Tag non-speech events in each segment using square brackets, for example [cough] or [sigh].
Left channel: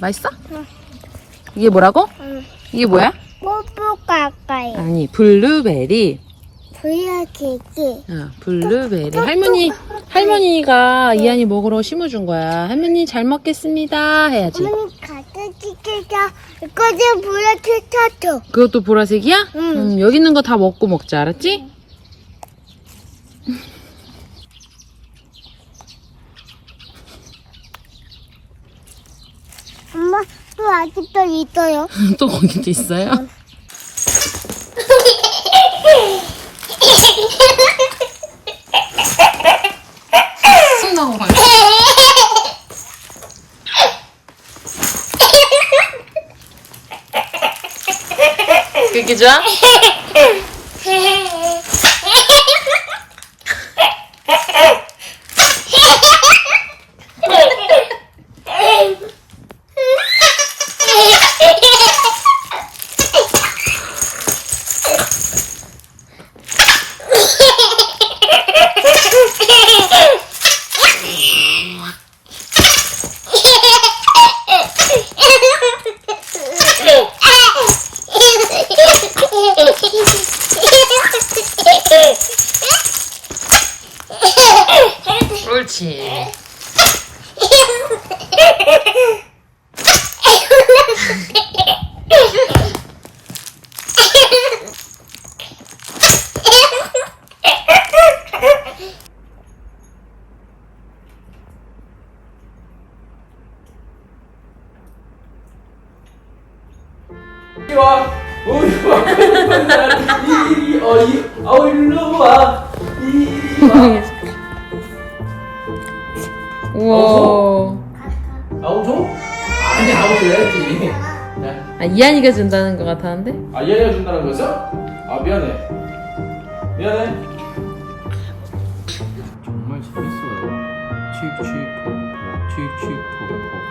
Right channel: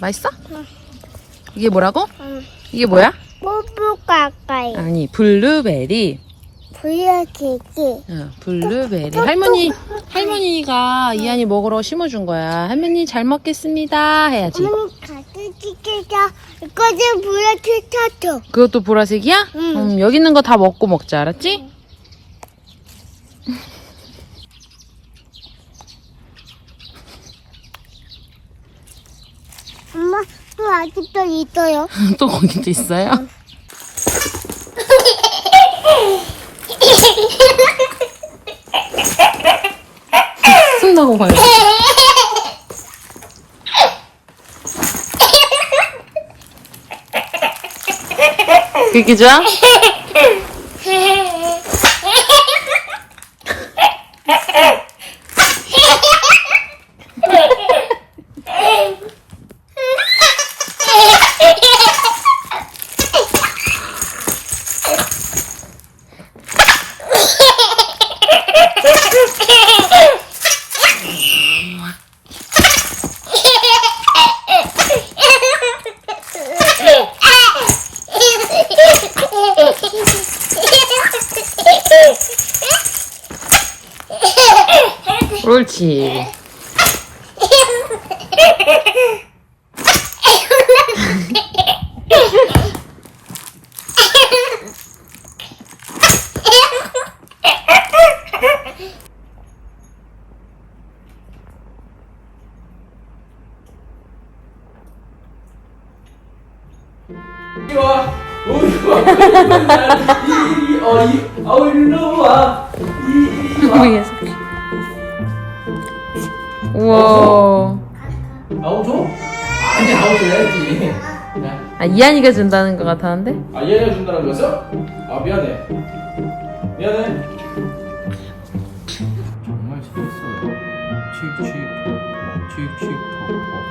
맛있어? 응. 이게 뭐라고? 응. 이게 뭐야? 뽀뽀 가까이. 아니 블루베리. 보여주기. 어, 블루베리. 할머니 할머니가 이한이 먹으러 심어준 거야. 할머니 잘 먹겠습니다 해야지. 이거. 그것도 보라색이야? 응. 음, 여기 있는 거 다 먹고 먹자, 알았지? 엄마 또 아직도 있어요. [laughs] 또 거기도 있어요? [laughs] 숨 나고 가요. [laughs] 끼끼자? 옳지. 이리 와. 어이 와. 이리 어이 어 일로 와. 이리 와. 우와. 줘? 아니 아우 줘야지. 자, 아, 이한이가 준다는 것 같았는데? 아 얘네가 준다는 거였어? 아 미안해. 미안해. 정말 재밌어요. 칙칙폭폭 칙칙폭폭.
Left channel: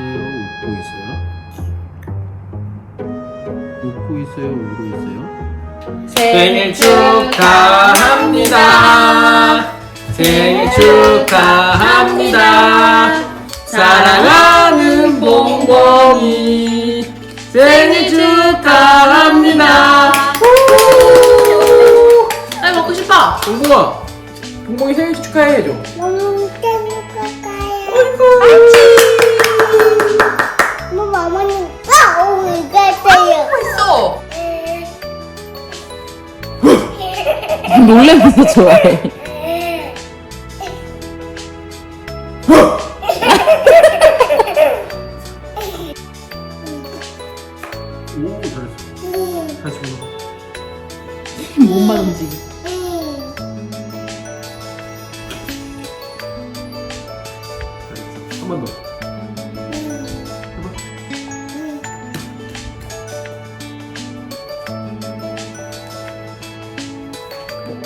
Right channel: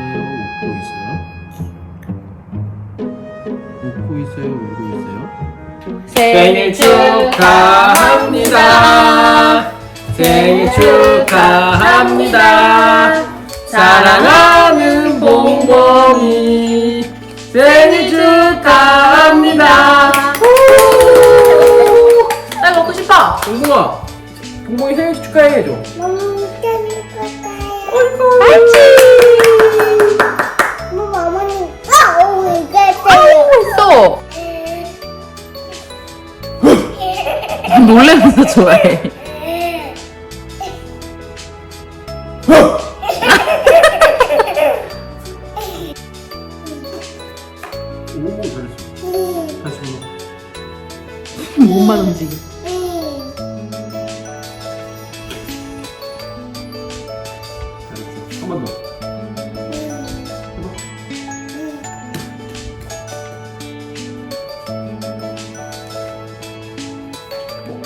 있어요. 웃고 있어요. 웃고 있어요. 울고 있어요. 생일 축하합니다. 생일 축하합니다. 사랑하는 봉봉이 생일 축하합니다. 나 먹고 싶어. 봉봉아, 봉봉이 생일 축하해 해줘. 놀래면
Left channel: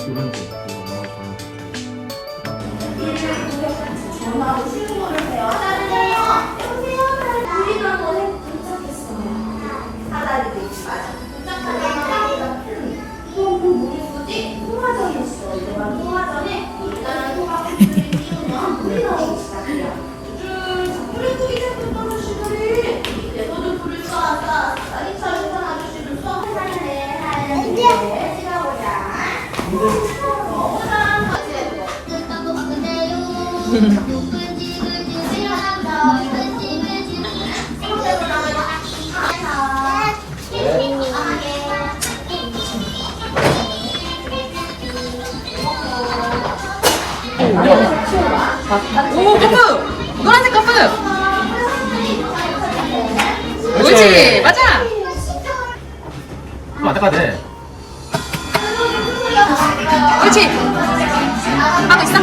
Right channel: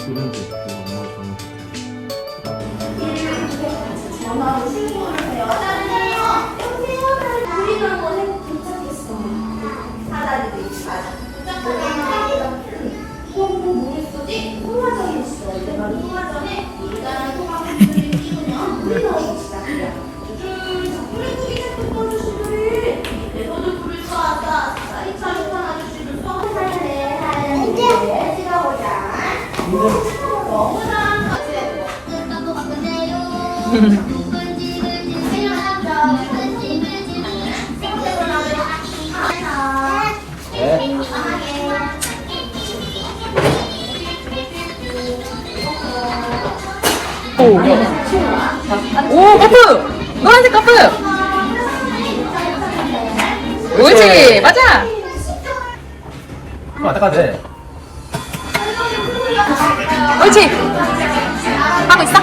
데 이거 오, 커프! 노란색 커프! 옳지! 맞아! 아, 돼. 옳지! 하고 있어?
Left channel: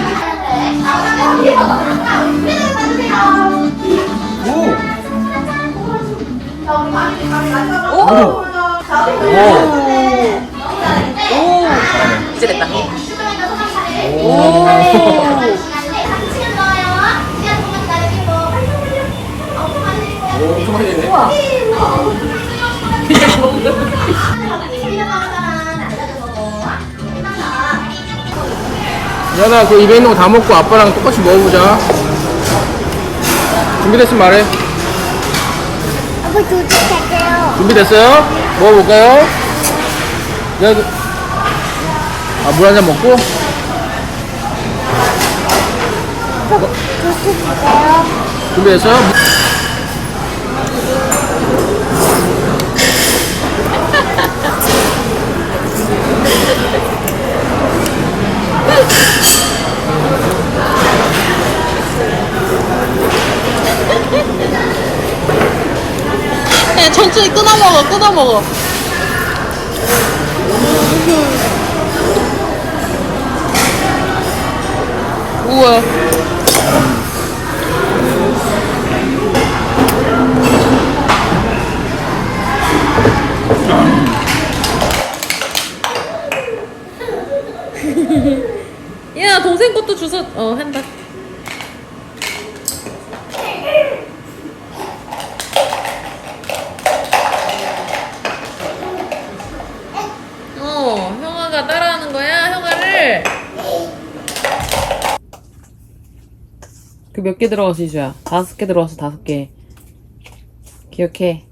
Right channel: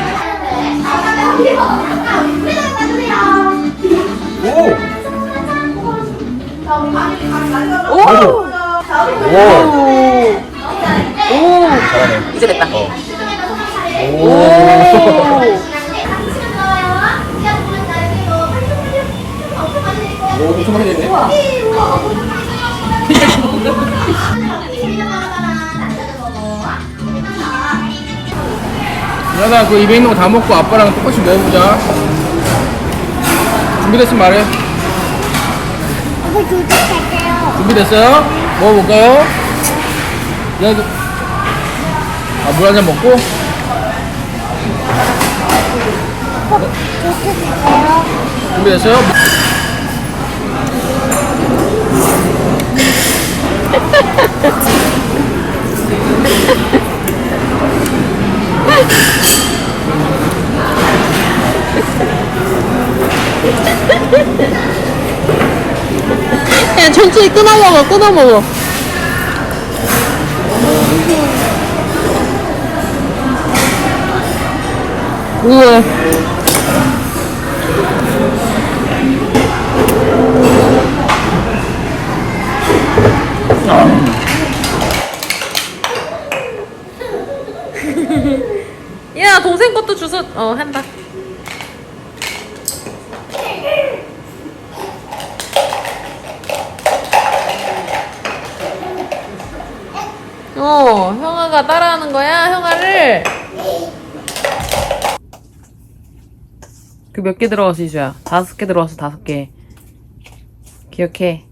오! 오! 오! 오! 이제 됐다. 오! 오, 하나 그 입에 있는 거 다 먹고 아빠랑 똑같이 먹어보자. 준비됐으면 말해. 아빠 도둑할게요. 준비됐어요? 먹어볼까요? 내가 아, 물 한 잔 먹고? 준비됐어? 야, 천천히 끊어 먹어, 끊어 먹어. 우와. 야, 동생 것도 주워, 어, 한다. 어, 형아가 따라하는 거야, 형아를. 그 몇 개 들어갔어, 이주야? 다섯 개 들어갔어, 다섯 개. 기억해.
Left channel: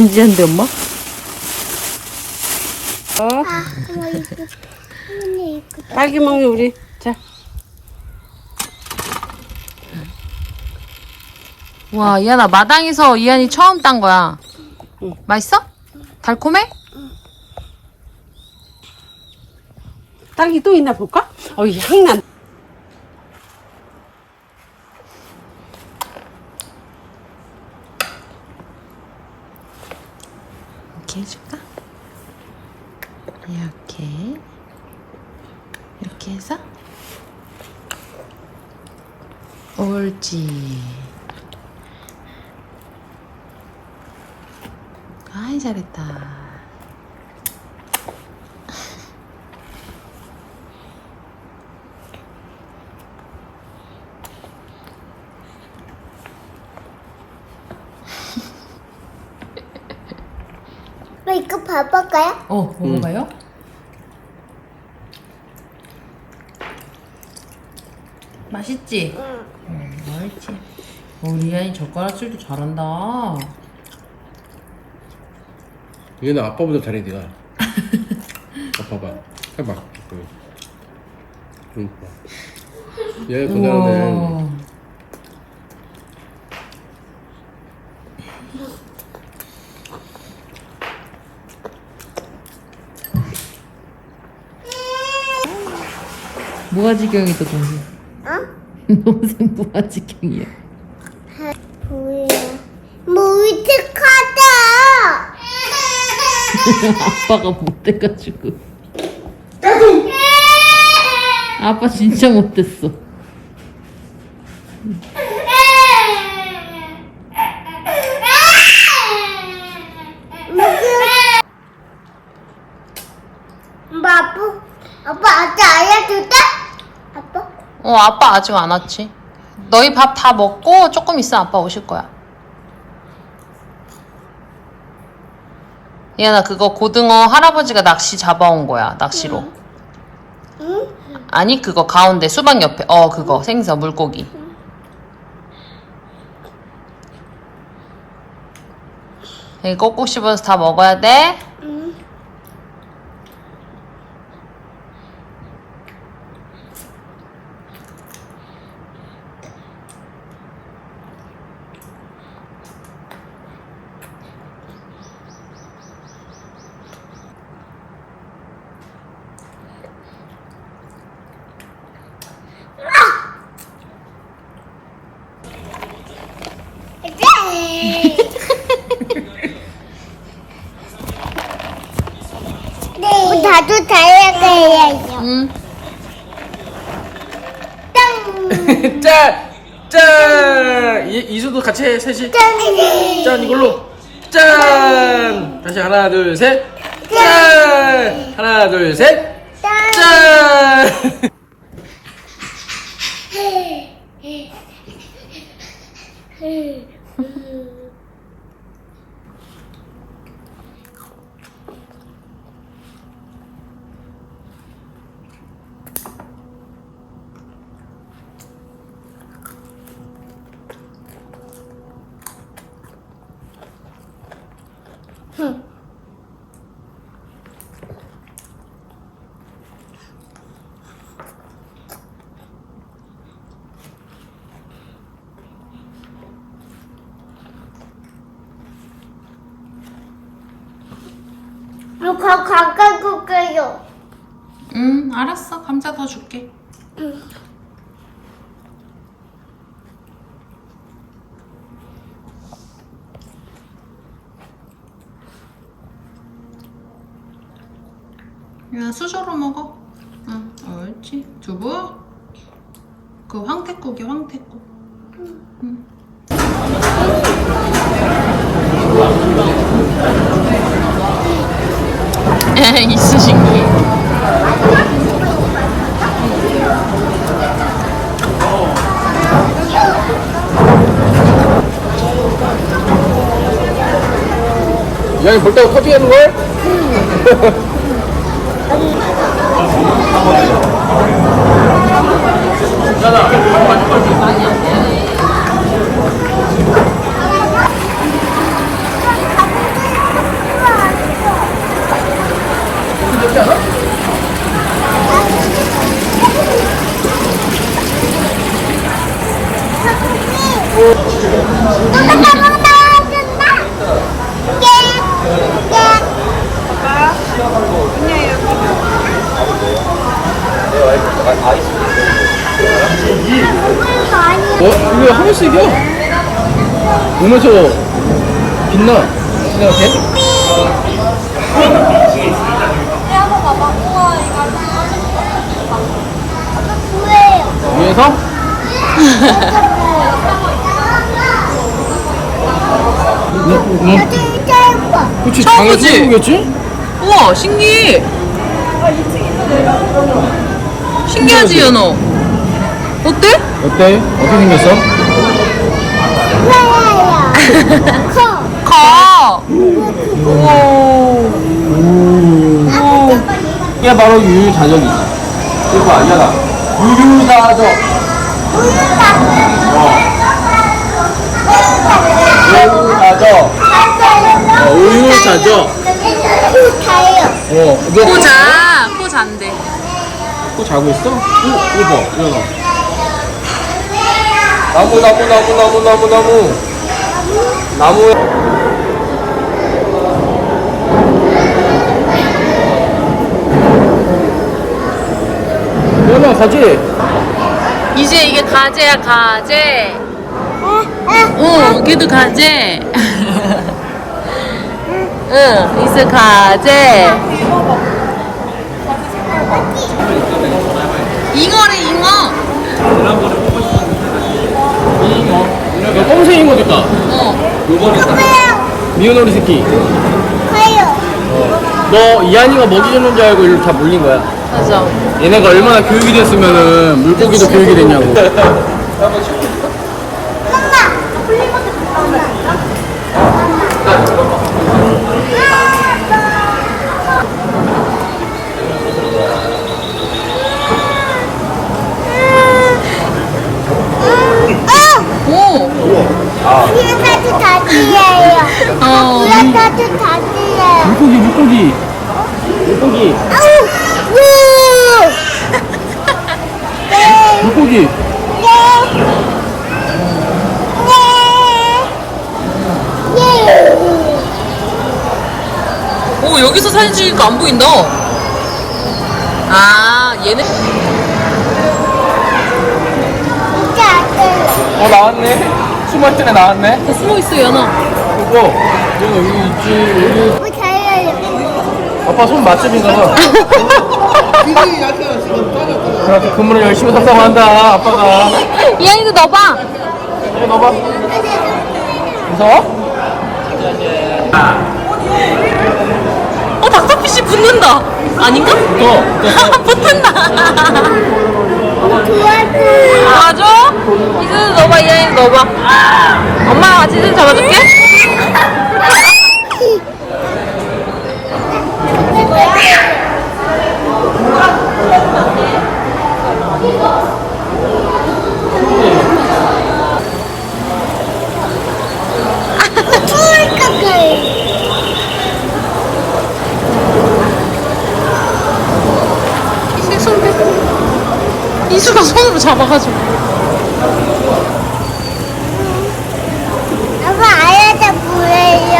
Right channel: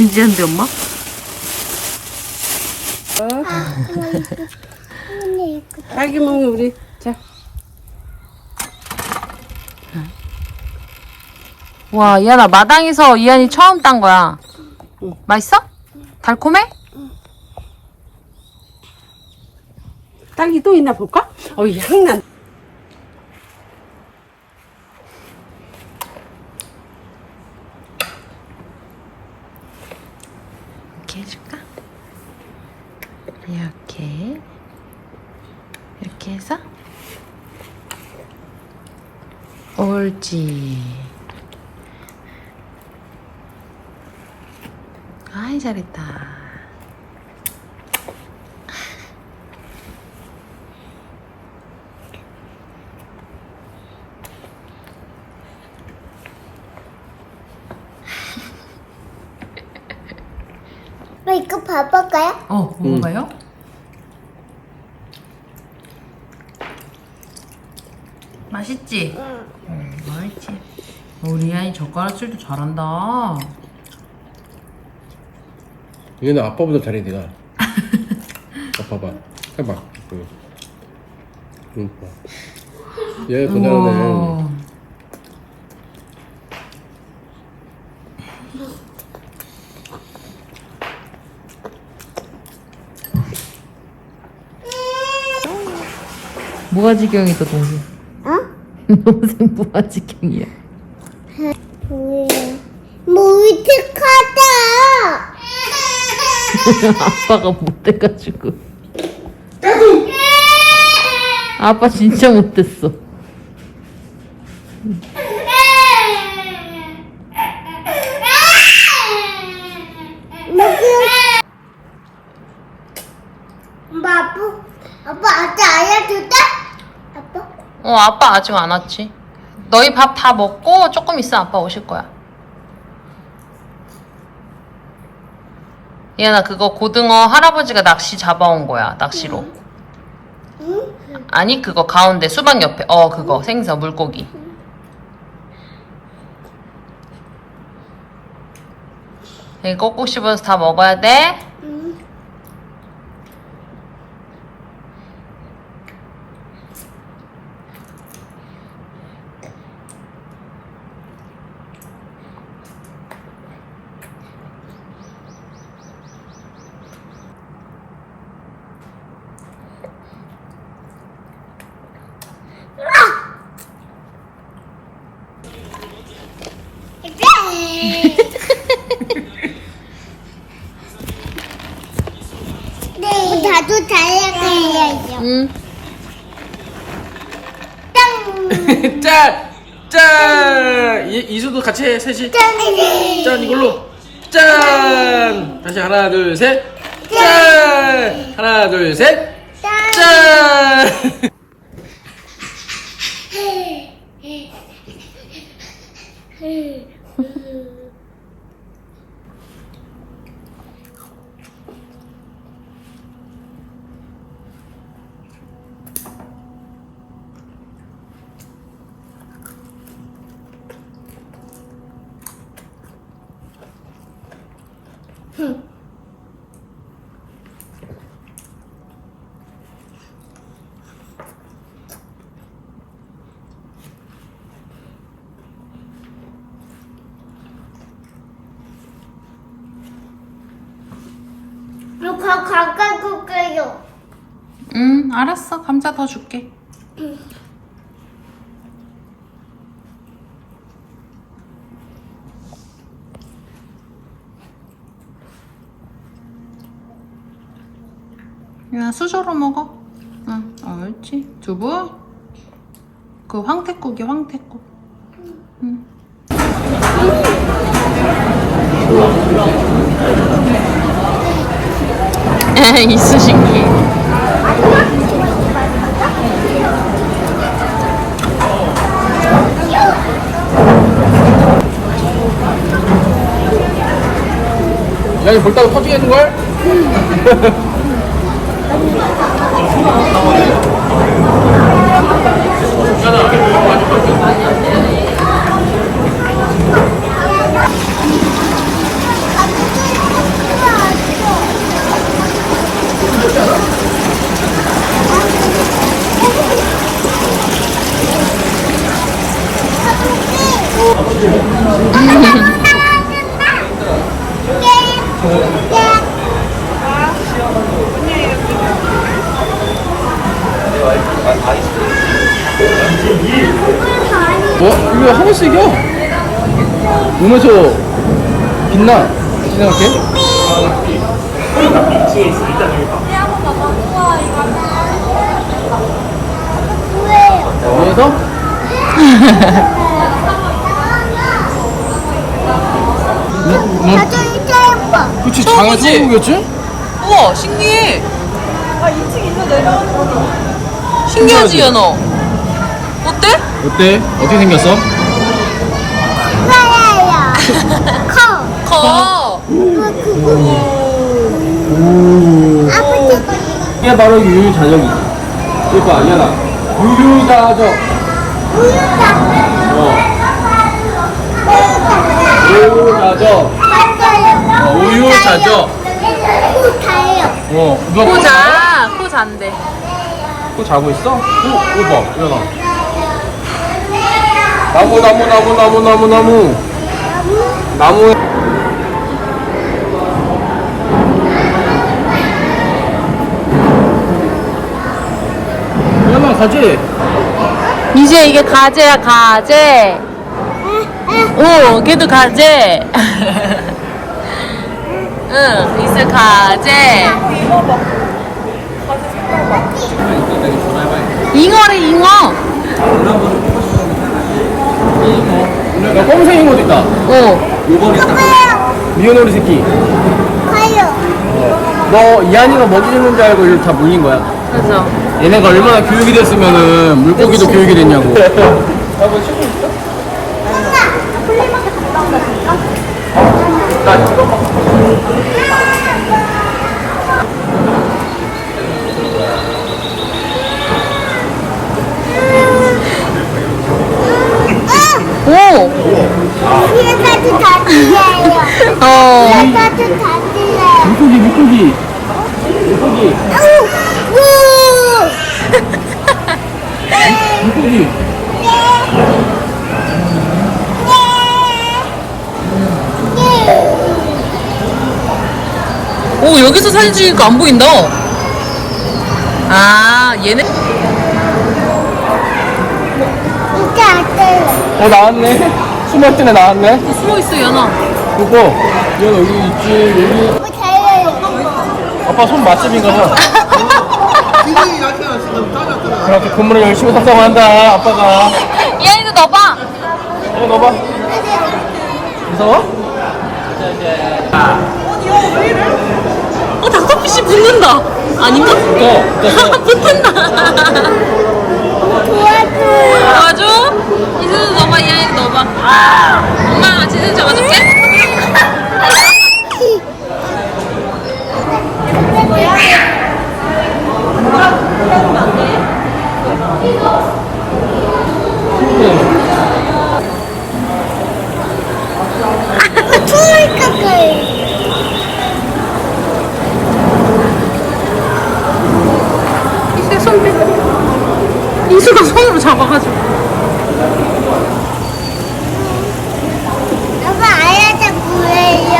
진지한데, 엄마? 아. 언니 이거. 딸기 먹니 우리 자 와, 이한아, 마당에서 이한이 처음 딴 거야. 맛있어? 달콤해? 딸기 또 있나 볼까? 어이 향난 이렇게 해줄까? 이렇게. 이렇게 해서. 옳지. 아이, 잘했다. 이거 봐볼까요? 어, 먹어봐요? 맛있지? 응. 응, 맛있지. 어, 리안이 젓가락질도 잘한다. 얘는 아빠보다 잘해, 네가. 아빠 봐. 해봐. 응. 응. 봐. 얘더 잘하네. 우와. 무아지경이다 동생. 어? 동생 무아지경이야. 뭐예요? 물티카드! 아빠가 못해가지고. 아빠 진짜 못했어. 엄마, 아빠, 아빠 아직 알려줄까? 아빠? 어, 아빠 아직 안 왔지. 너희 밥 다 먹고 조금 있으면 아빠 오실 거야. 얘나 그거 고등어 할아버지가 낚시 잡아온 거야, 낚시로. 응? 아니, 그거 가운데 수박 옆에. 어, 그거 생선 물고기. 여기 꼭꼭 씹어서 다 먹어야 돼. 응. 네. 나도 다이어트 해야죠. 응. 짱! [laughs] 짠! 짠! 이, 이수도 같이 해, 셋이. 짠! 짠, 이걸로. 짠! 다시 하나, 둘, 셋. 짠! 하나, 둘, 셋. 짠! 짠! 거 가까이 볼게요. 응, 알았어. 감자 더 줄게. 야, 수저로 먹어. 응, 옳지. 두부. 그 황태국이 황태국. 응. 이쑤시개. 야, 이거 볼따고 터지겠는걸? [laughs] 어? 이거 하나씩이야? 오면서 빛나? 어떻게 생각해? 위에서? 그치, 어, 장애 그치? 중국이었지? 우와, 신기해. 신기하지, 연어? 어때? 어때? 어떻게 생겼어? 커. 가. 이게 바로 유유자적이지. 그거 아니야. 유유자적. 어. 유 어, 우유자적. 가요. 어, 이거 포자. 포자인데. 자고 있어? 어, 이거 봐, 이거. 나무, 나무, 나무, 나무, 나무, 나무. 나무. 그러면 가지? 이제 이게 가재야, 가재. 응, 걔도 가재. [laughs] 응, 이제 가재. 잉어래, 잉어. 야, 검은색 이거 있다. 어. 요거 있다. 미운 오리 새끼. 가요. 어. 너 이한이가 먹이 주는 줄 알고 일로 다 물린 거야. 맞아. 얘네가 얼마나 교육이 됐으면은 물고기도 그치. 교육이 됐냐고. [laughs] 엄마. 블리버드 엄마. 오. 위에서도 다 들려요. 어. 위에서도 다 들려요. 물고기, 물고기. 물고기, 우! 물고기. 오, 여기서 사진 찍으니까 안 보인다. 아, 얘네. 어, 나왔네. 숨을 때에 나왔네. 숨어 있어, 연어. 그거, 얘 여기 있지. 아빠 손 맛집인 거죠? 아빠 건물을 열심히 닦아간다, 아빠가. 이한이도 넣어봐. 여기 넣어봐. 무서워? 어, 닥터피쉬 붙는다. 아닌가? 또, 붙었어. [laughs] 붙는다. 도와줘? 지수 너가 이거 너가 엄마 지수 잡아줄게 얘 넣어봐. 잡아가지고. 아빠 아야자 뭐예요?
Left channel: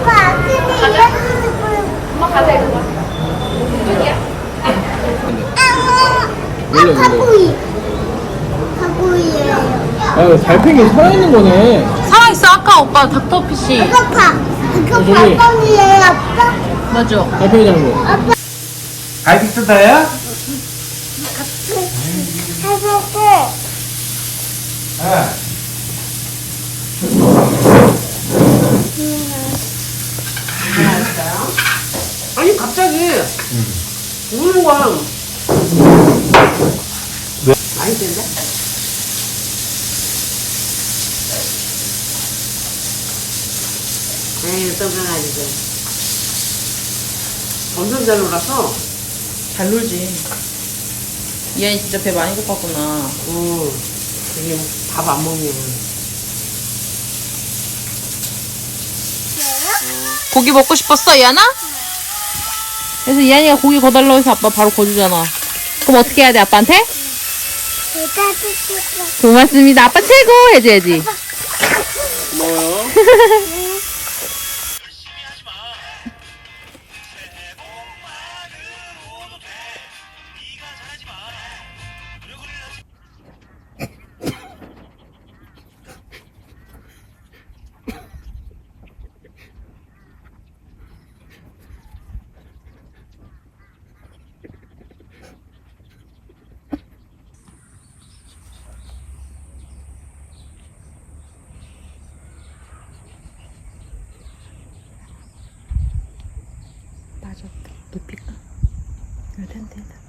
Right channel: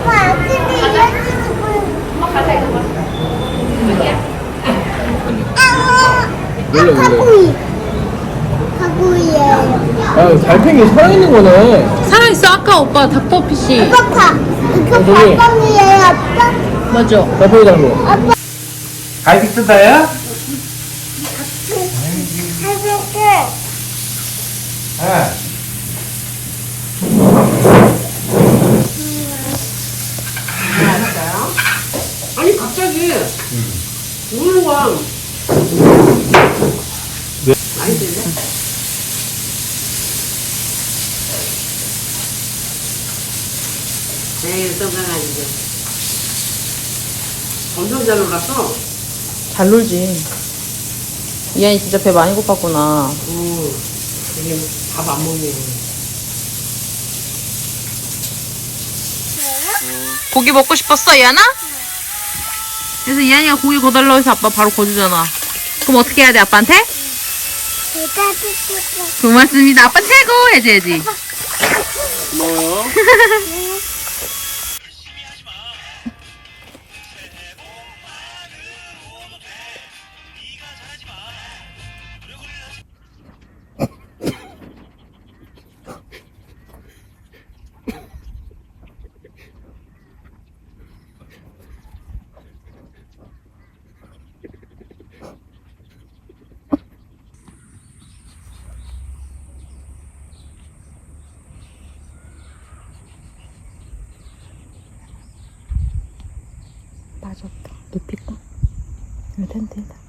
아빠 아침에 원래 원래. 가구이 가구이에요. 아 달팽이 살아있는 거네. 살아있어. 아까 오빠 닥터피쉬. 아빠 이거 어, 저기. 가방이에요. 아빠 맞아. 달팽이 잡는 거. 갈비 뜯어요? 해볼게. 아니 갑자기 우는 거야. 맛있는데? 에이 떠나가지고 엄청 잘 놀라서 잘 놀지. 이한이 진짜 배 많이 고팠구나. 어 이게 밥안 먹네 고기 먹고 싶었어, 이한아? 그래서 이한이가 고기 거달라고 해서 아빠 바로 거주잖아. 그럼 어떻게 해야 돼, 아빠한테? 고맙습니다. 아빠 최고! 해줘야지. 고마워요. [laughs] 빠졌다. 높일까? 이거 텐트에다.